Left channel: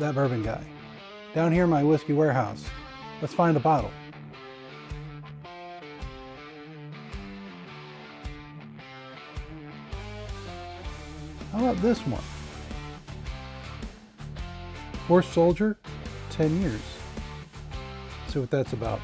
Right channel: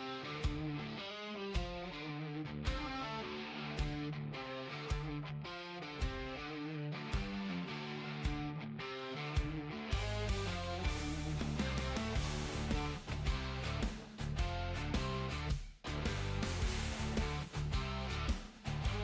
that bourbon guy. Down here in my whiskey warehouse. Let's find the bottle. How about this one? Horse Soldier, 10 years. Let's see what that's about.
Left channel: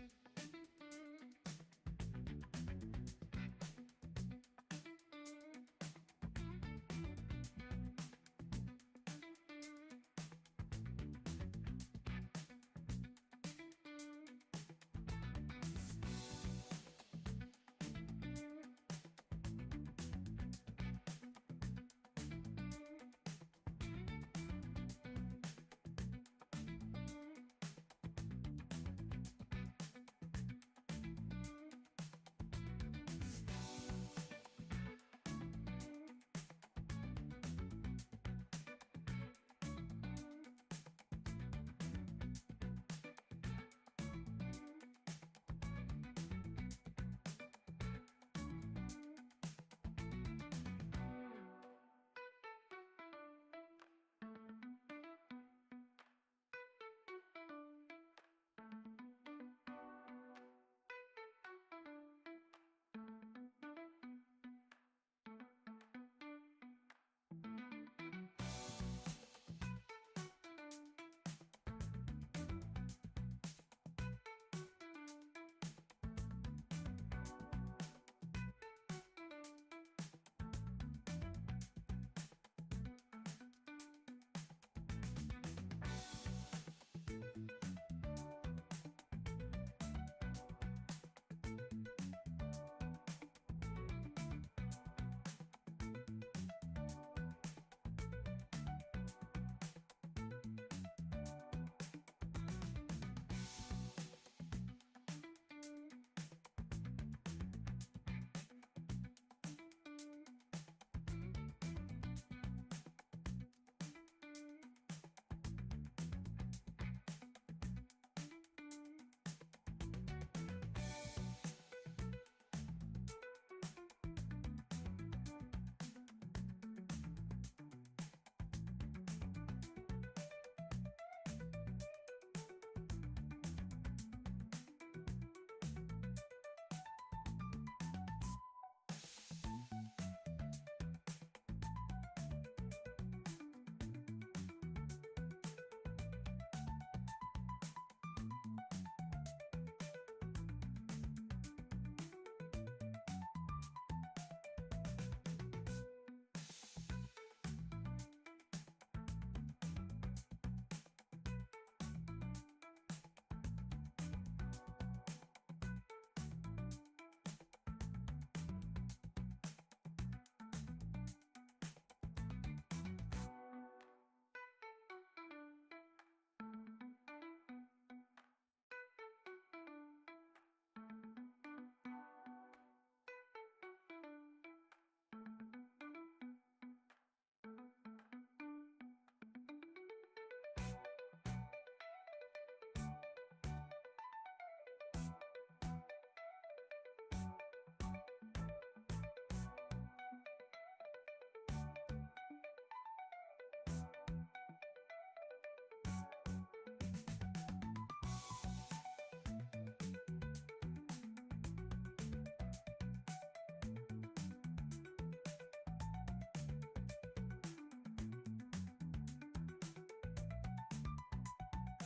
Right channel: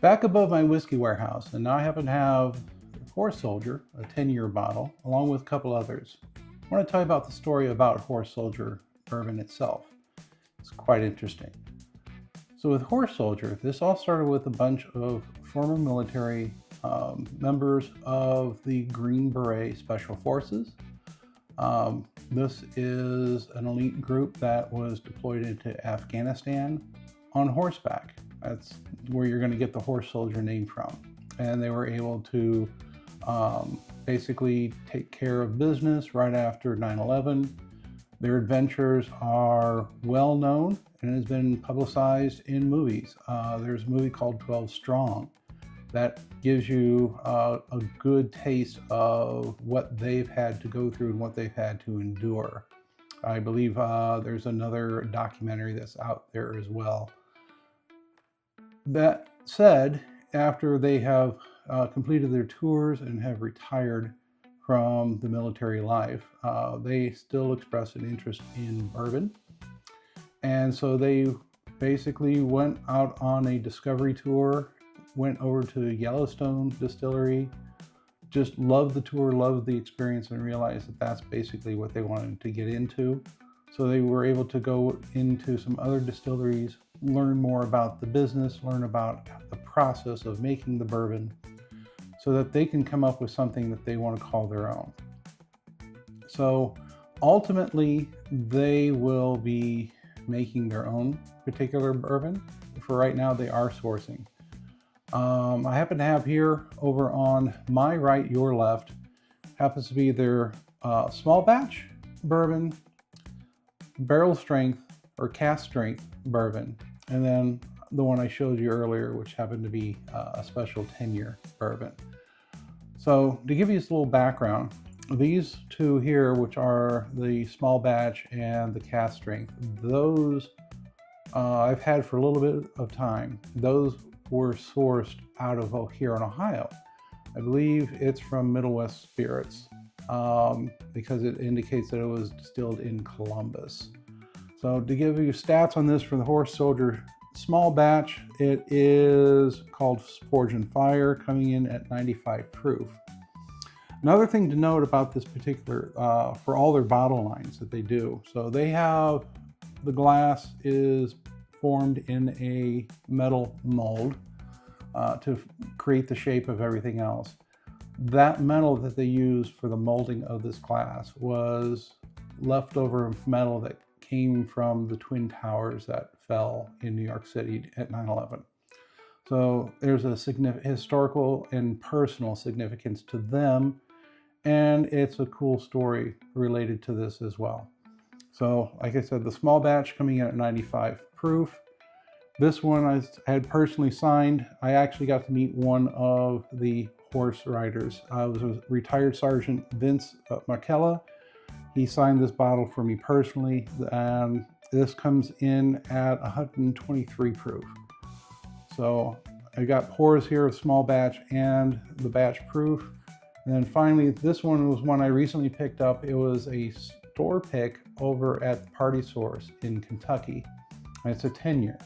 Back above my whiskey warehouse, and now I happen to have Horse Soldier, a 10-year bottle, along with a couple others. I want to tell you about the story about Horse Soldier Bourbon itself. It's quite interesting. So with Horse Soldier, this all started with a bunch of former military members of the Green Beret Special Forces. This is an elite group that was deployed into Afghanistan on horseback. That's where you're going to get the Horse Soldier name from. And they were able to basically take care of business right after 9/11. Their adventures are well known and has been publicized in movies. There's a movie called 12 Strong that gives you a good taste of what they've had to go through and what they've had to endure. I believe there's another documentary that's out there as well. That said, after they have completed their tours and have retired from the military life, they still express an interest in bourbon. And so they basically went out on a discovery tour, went over to Yellowstone Distillery, just loved the tour, loved the experience, and realized that that's basically what they wanted to get into. So they were able to go into some other distilleries, learn more about the business, learn about the process of making the bourbon, so that they can come up with something that they want to call their own. So ultimately, they will be making their own particular bourbon. For right now, they are sourcing. I happen to have here over on my right, your left, happens to be their small batch bourbon, barrel strength or cask strength bourbon, and then the one I showed you earlier, which happened to be a special 10-year bourbon. So to give you this little background, these two here, which are the small batch and the cask strength, those I've had for a little bit of time. Those were sourced out of here in Ohio. I believe it's from Middle West Spirits because it indicates that it was distilled in Columbus. So to give you stats on this for the Horse Soldier small batch, it is called Forge and Fire, coming in at 95 proof. Another thing to note about this particular, for all their bottle lines that they do, so they have, the glass is formed in a metal mold to create the shape of everything else. That metal that they used for the molding of this glass was leftover metal that came from the Twin Towers that fell in New York City at 9/11. So there's a historical and personal significance to them, and it's a cool story related to this as well. So like I said, the small batch coming in at 95 proof. This one I had personally signed. I actually got to meet one of the horse riders. I was a retired Sergeant Vince Markella. He signed this bottle for me personally, and this comes in at 123 proof. So I got pours here of small batch and the batch proof. And then finally, this one was one I recently picked up. It was a store pick over at Party Source in Kentucky. And it's a 10-year.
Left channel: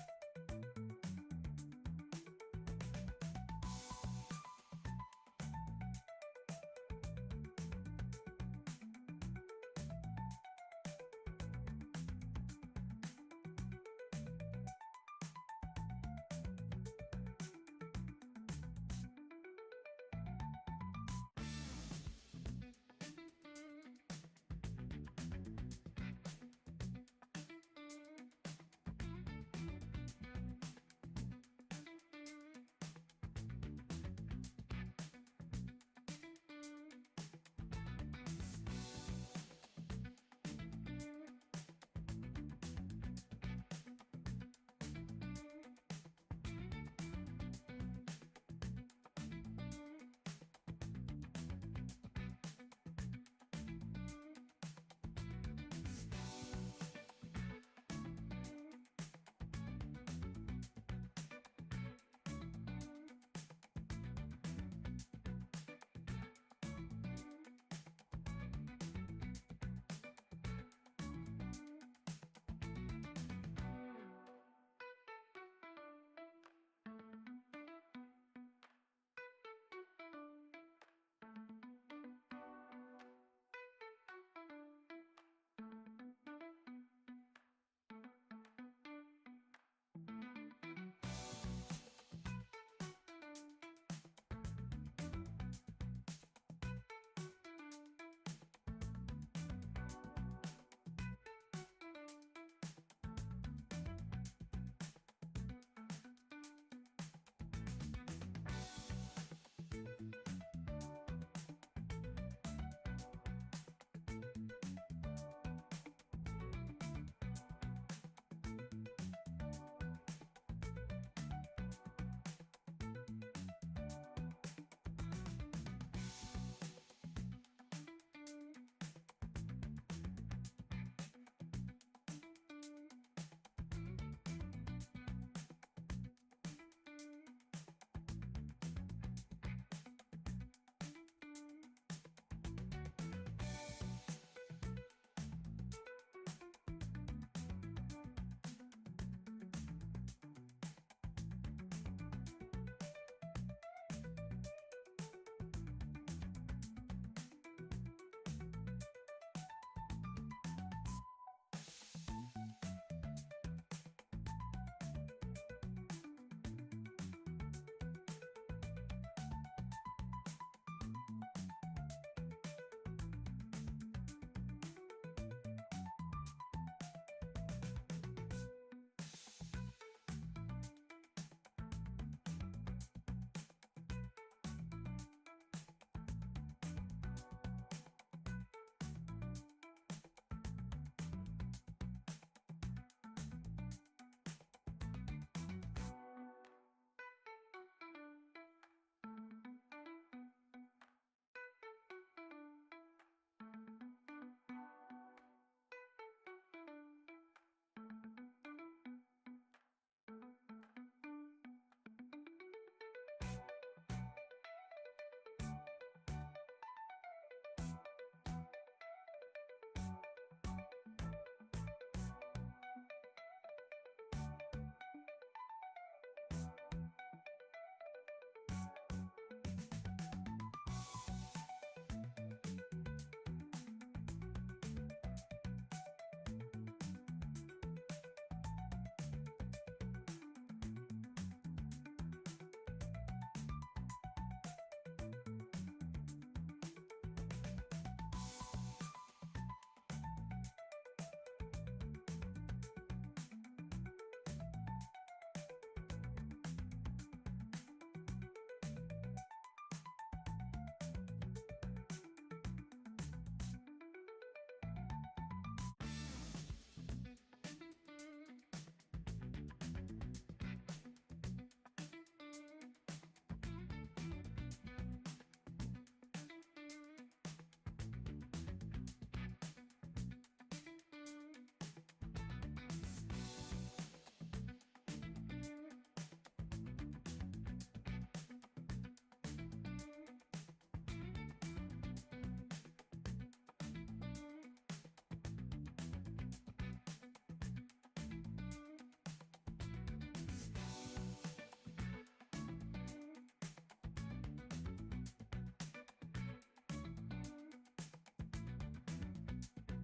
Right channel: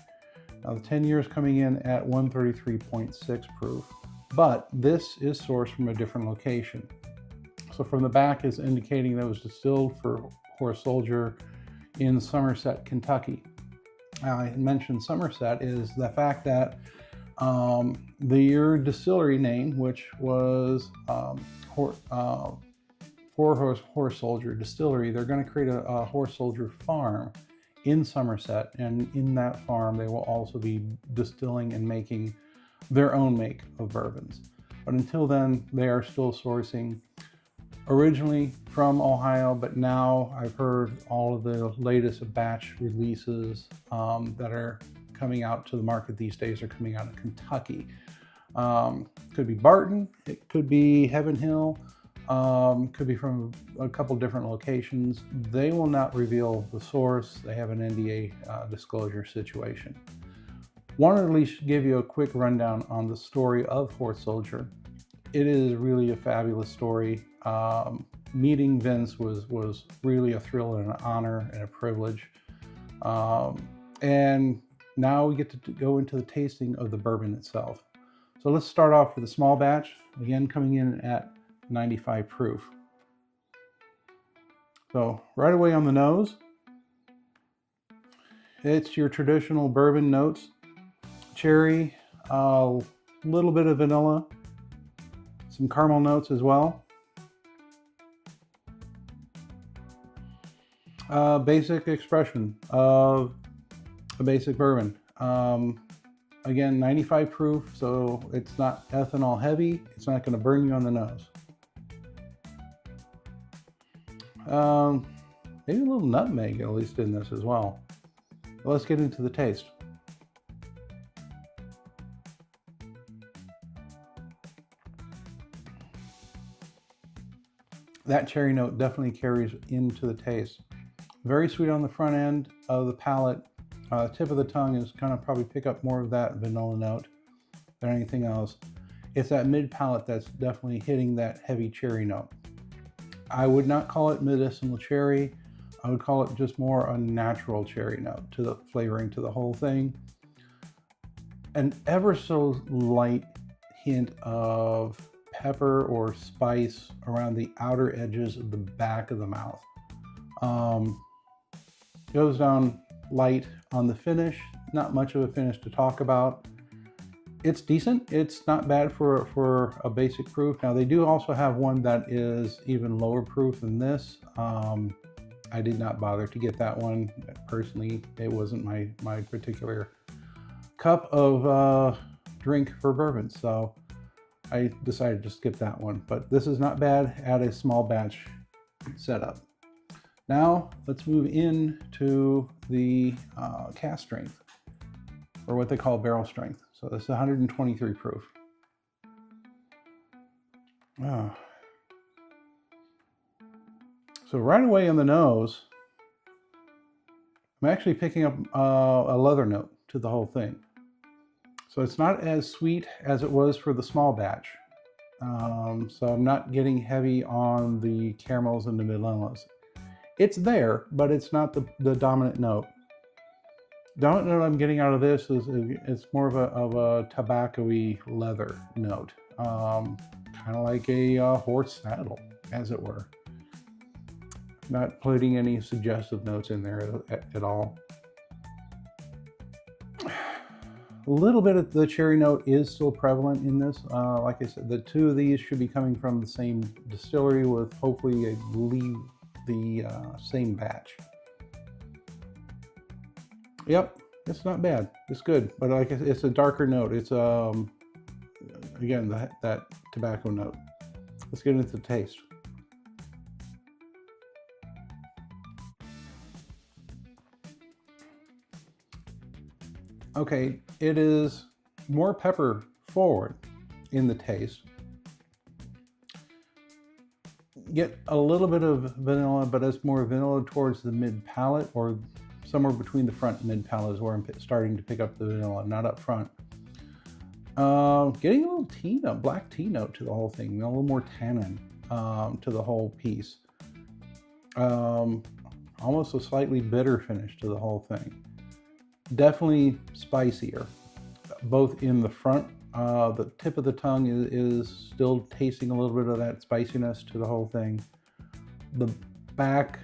Now the 10 years coming in at 133.6 proof, but this is sourced from a different location. So from the back is indicating that it was distilled for Horse Soldier in Somerset, Kentucky. Now I mentioned Somerset is the fact that your distillery name, which was Horse Soldier Distillery, they're going to create a Horse Soldier farm in Somerset, and in that farm they will also be distilling and making their own make of bourbons. But until then, they are still sourcing originally from Ohio, but now I've heard all of the latest batch releases that are coming out to the market these days are coming out of Kentucky. Could be Barton, it could be Heaven Hill, could be from a couple different locations. They will not reveal the source. They have an NDA disclosure situation. Want to at least give you a quick rundown on the story of Horse Soldier. It is really a fabulous story. Meeting Vince was really a thrill and an honor and a privilege. And now we get to go into the tasting of the bourbon itself. So let's start off with a small batch, again coming in at 95 proof. So right away on the nose, it's your traditional bourbon notes. Cherry, a little bit of vanilla, some caramel notes as well. Basic expression of a basic bourbon. Again, 95 proof, so it's not ethanol heavy. It's not going to burn you on the nose. Maybe a little nutmeg at least in this as well. But let's get into the taste. That cherry note definitely carries into the taste. Very sweet on the front end of the palate. Tip of the tongue is kind of probably pick up more of that vanilla note than anything else. It's that mid palate that's definitely hitting that heavy cherry note. I would not call it medicinal cherry. I would call it just more a natural cherry note to the flavoring to the whole thing. An ever so light hint of pepper or spice around the outer edges of the back of the mouth. Goes down light on the finish, not much of a finish to talk about. It's decent. It's not bad for a basic proof. Now they do also have one that is even lower proof than this. I did not bother to get that one. Personally, it wasn't my particular cup of drink for bourbon, so I decided to skip that one. But this is not bad at a small batch setup. Now let's move into the cask strength, or what they call barrel strength. So this is 123 proof. So right away on the nose, I'm actually picking up a leather note to the whole thing. So it's not as sweet as it was for the small batch. So I'm not getting heavy on the caramels and the vanillas. It's there, but it's not the dominant note. Dominant note I'm getting out of this is it's more of a tobacco-y leather note, kind of like a horse saddle, as it were. Not putting any suggestive notes in there at all. A little bit of the cherry note is still prevalent in this. Like I said, the two of these should be coming from the same distillery with hopefully, I believe, the same batch. Yep, it's not bad. It's good, but like it's a darker note. It's again that tobacco note. Let's get into the taste. Okay, it is more pepper forward in the taste. Get a little bit of vanilla, but it's more vanilla towards the mid palate, or somewhere between the front and mid palate is where I'm starting to pick up the vanilla, not up front. Getting a little tea note, black tea note to the whole thing, a little more tannin to the whole piece. Almost a slightly bitter finish to the whole thing. Definitely spicier, both in the front. The tip of the tongue is still tasting a little bit of that spiciness to the whole thing. The back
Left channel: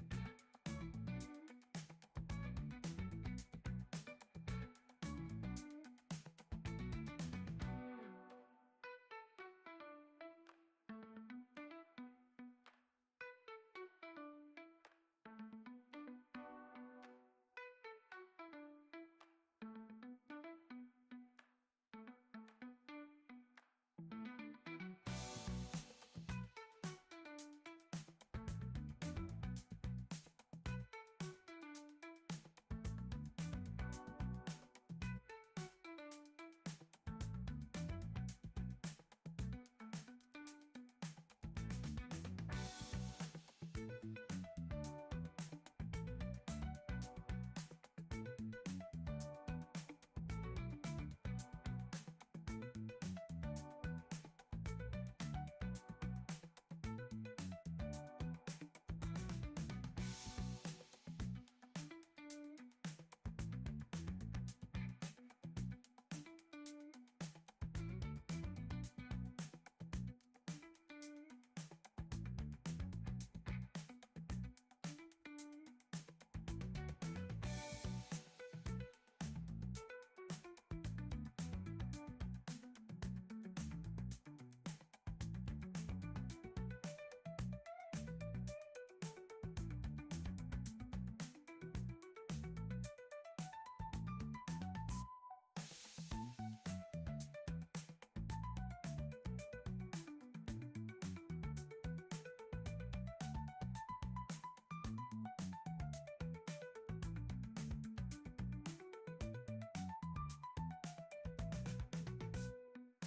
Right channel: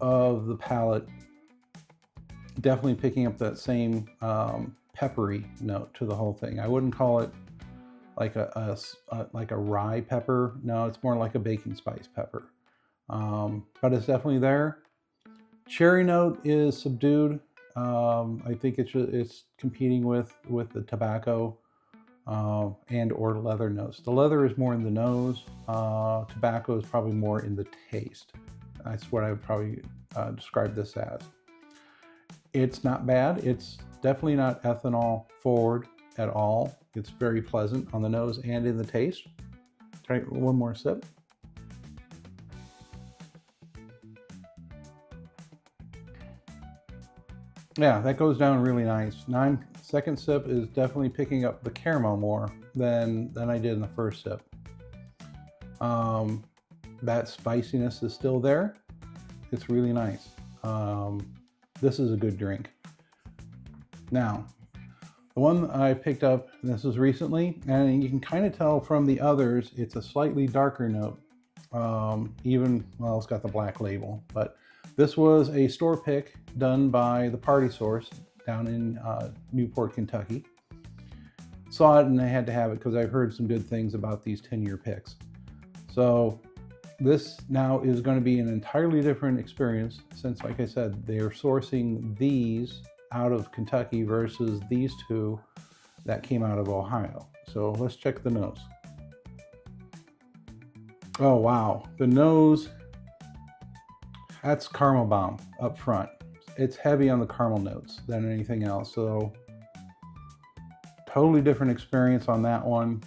of the palate definitely picking up that same peppery note to the whole thing. I wouldn't call it like a rye pepper. No, it's more like a baking spice pepper. But it's definitely there. Cherry note is subdued. I think it's competing with the tobacco and or leather notes. The leather is more in the nose. Tobacco is probably more in the taste. That's what I would probably describe this as. It's not bad. It's definitely not ethanol forward at all. It's very pleasant on the nose and in the taste. All right, one more sip. Yeah, that goes down really nice. Second sip is definitely picking up the caramel more than I did in the first sip. That spiciness is still there. It's really nice. This is a good drink. Now, the one I picked up, and this was recently, and you can kind of tell from the others, it's a slightly darker note. Well, it's got the black label, but this was a store pick done by the Party Source down in Newport, Kentucky. Saw it and I had to have it because I've heard some good things about these 10-year picks. So this now is going to be an entirely different experience since, like I said, they're sourcing these out of Kentucky versus these two that came out of Ohio. So let's check the nose. Oh wow, the nose, that's caramel bomb up front. It's heavy on the caramel notes than anything else. So totally different experience on that one.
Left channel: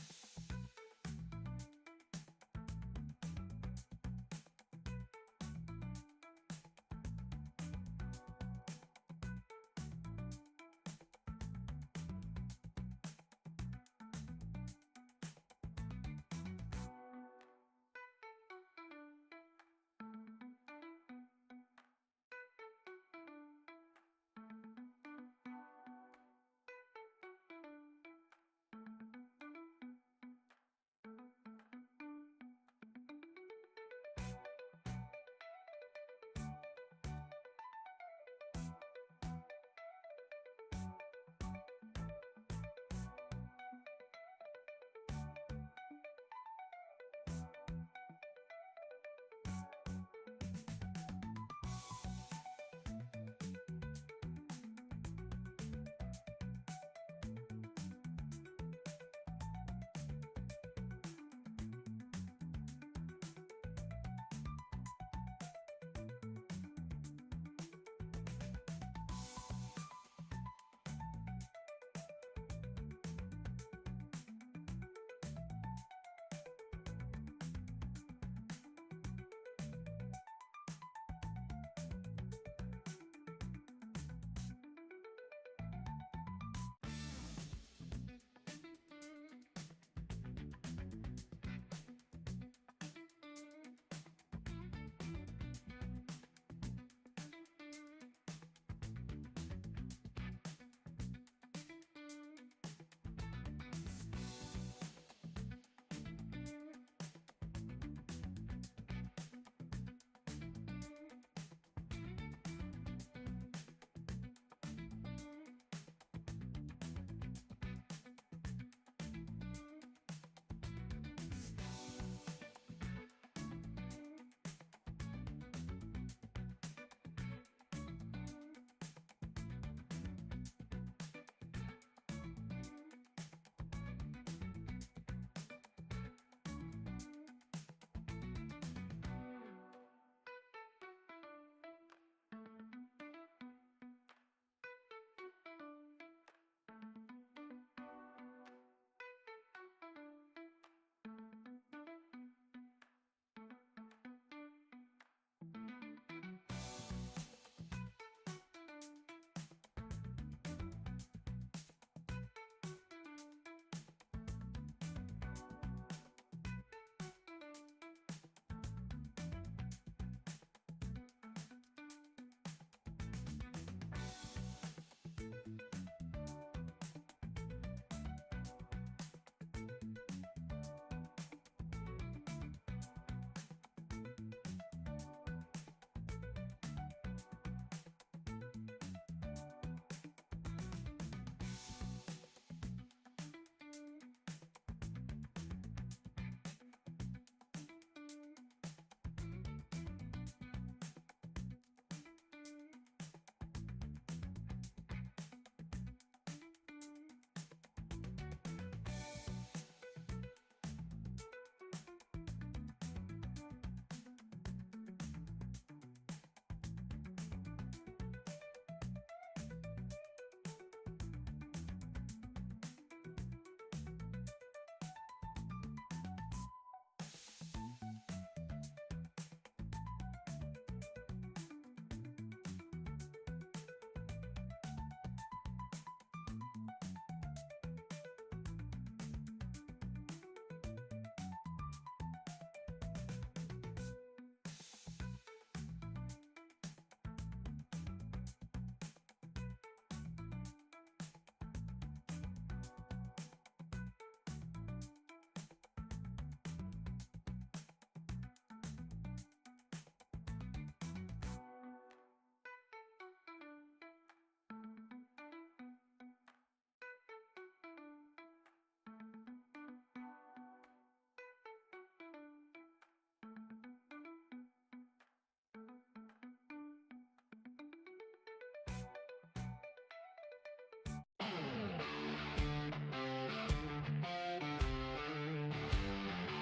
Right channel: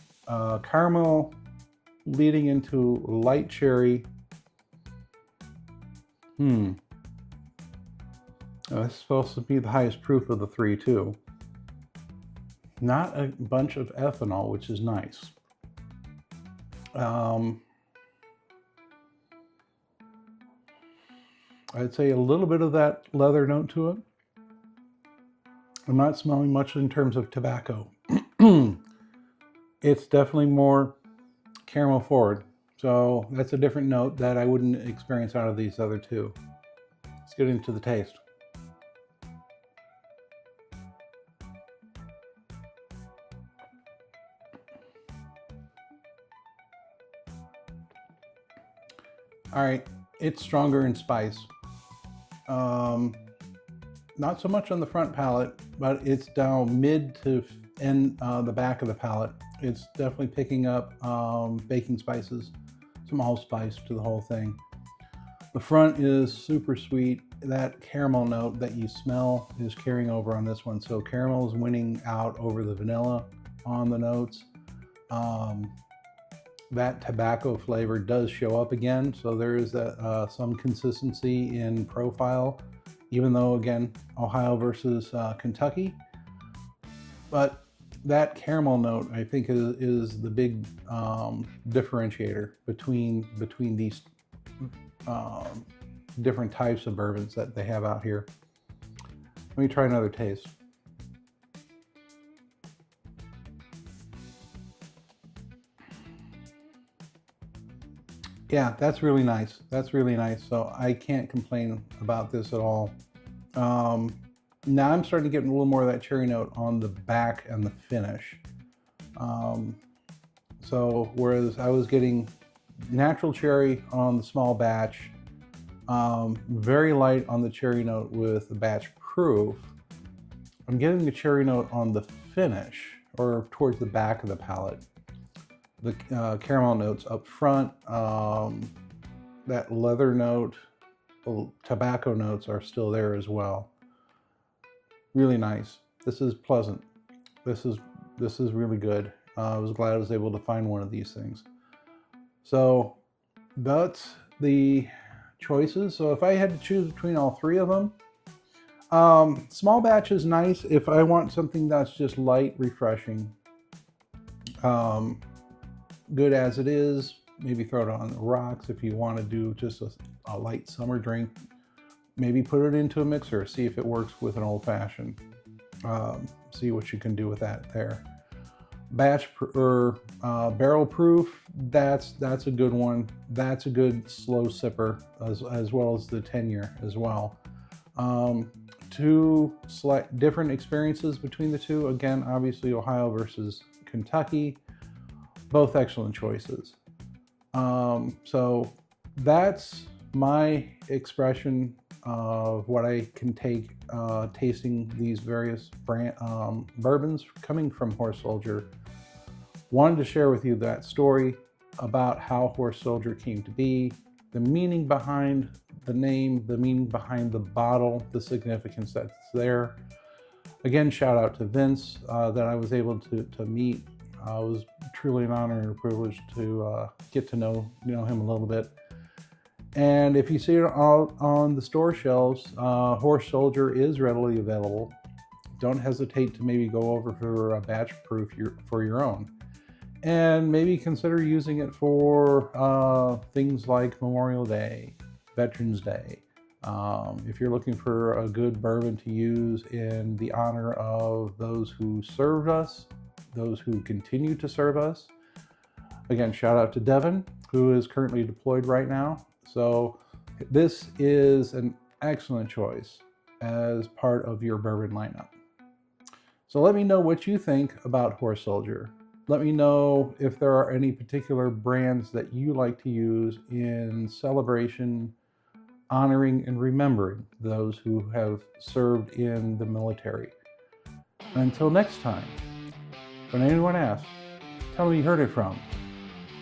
Caramel leading into light cherry. That's supposed to be the highest proof of the three too. Not a bunch of ethanol, which is nice. I'd say a little bit of that leather note to it. I'm not smelling much in terms of tobacco. It's definitely more caramel forward. So that's a different note that I wouldn't experience out of these other two. Let's get into the taste. All right, it's stronger in spice. Not so much on the front palate, but it's down mid to end the back of the palate. It's definitely picking up baking spices, some allspice to the whole thing. The front is super sweet. That caramel note that you smell is carrying over on this one. So caramel is winning out over the vanilla on the notes. That tobacco flavor does show up again, so there is some consistency in profile, even though, again, Ohio versus Kentucky. But that caramel note, I think, is the big differentiator between these different types of bourbons that they have out here. Let me try another taste. Yeah, that's really nice. That's really nice. So I can't complain about this at all. Now I'm starting to get a little more of that cherry note on the back and the finish. So whereas I was getting natural cherry on the small batch, very light on the cherry note with the batch proof, I'm getting the cherry note on the finish or towards the back of the palate. The caramel notes up front, that leather note, the tobacco notes are still there as well. Really nice. This is pleasant. This is really good. I was glad I was able to find one of these things. So that's the choices. So if I had to choose between all three of them, small batch is nice if I want something that's just light, refreshing. Good as it is, maybe throw it on the rocks if you want to do just a light summer drink. Maybe put it into a mixer, see if it works with an old fashioned. See what you can do with that there. Batch or barrel proof, that's a good one. That's a good slow sipper as well as the 10-year as well. Two different experiences between the two. Again, obviously Ohio versus Kentucky. Both excellent choices. So that's my expression of what I can take tasting these various bourbons coming from Horse Soldier. Wanted to share with you that story about how Horse Soldier came to be, the meaning behind the name, the meaning behind the bottle, the significance that's there. Again, shout out to Vince that I was able to meet. It was truly an honor and a privilege to get to know him a little bit. And if you see it on the store shelves, Horse Soldier is readily available. Don't hesitate to maybe go over for a batch proof for your own. And maybe consider using it for things like Memorial Day, Veterans Day. If you're looking for a good bourbon to use in the honor of those who served us, those who continue to serve us. Again, shout out to Devin, who is currently deployed right now. So this is an excellent choice as part of your bourbon lineup. So let me know what you think about Horse Soldier. Let me know if there are any particular brands that you like to use in celebration, honoring and remembering those who have served in the military. And until next time, when anyone asks, tell me you heard it from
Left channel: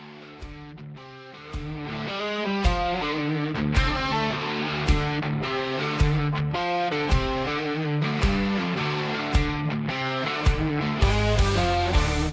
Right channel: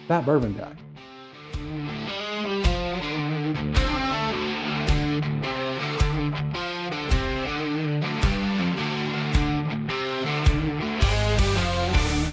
that bourbon guy.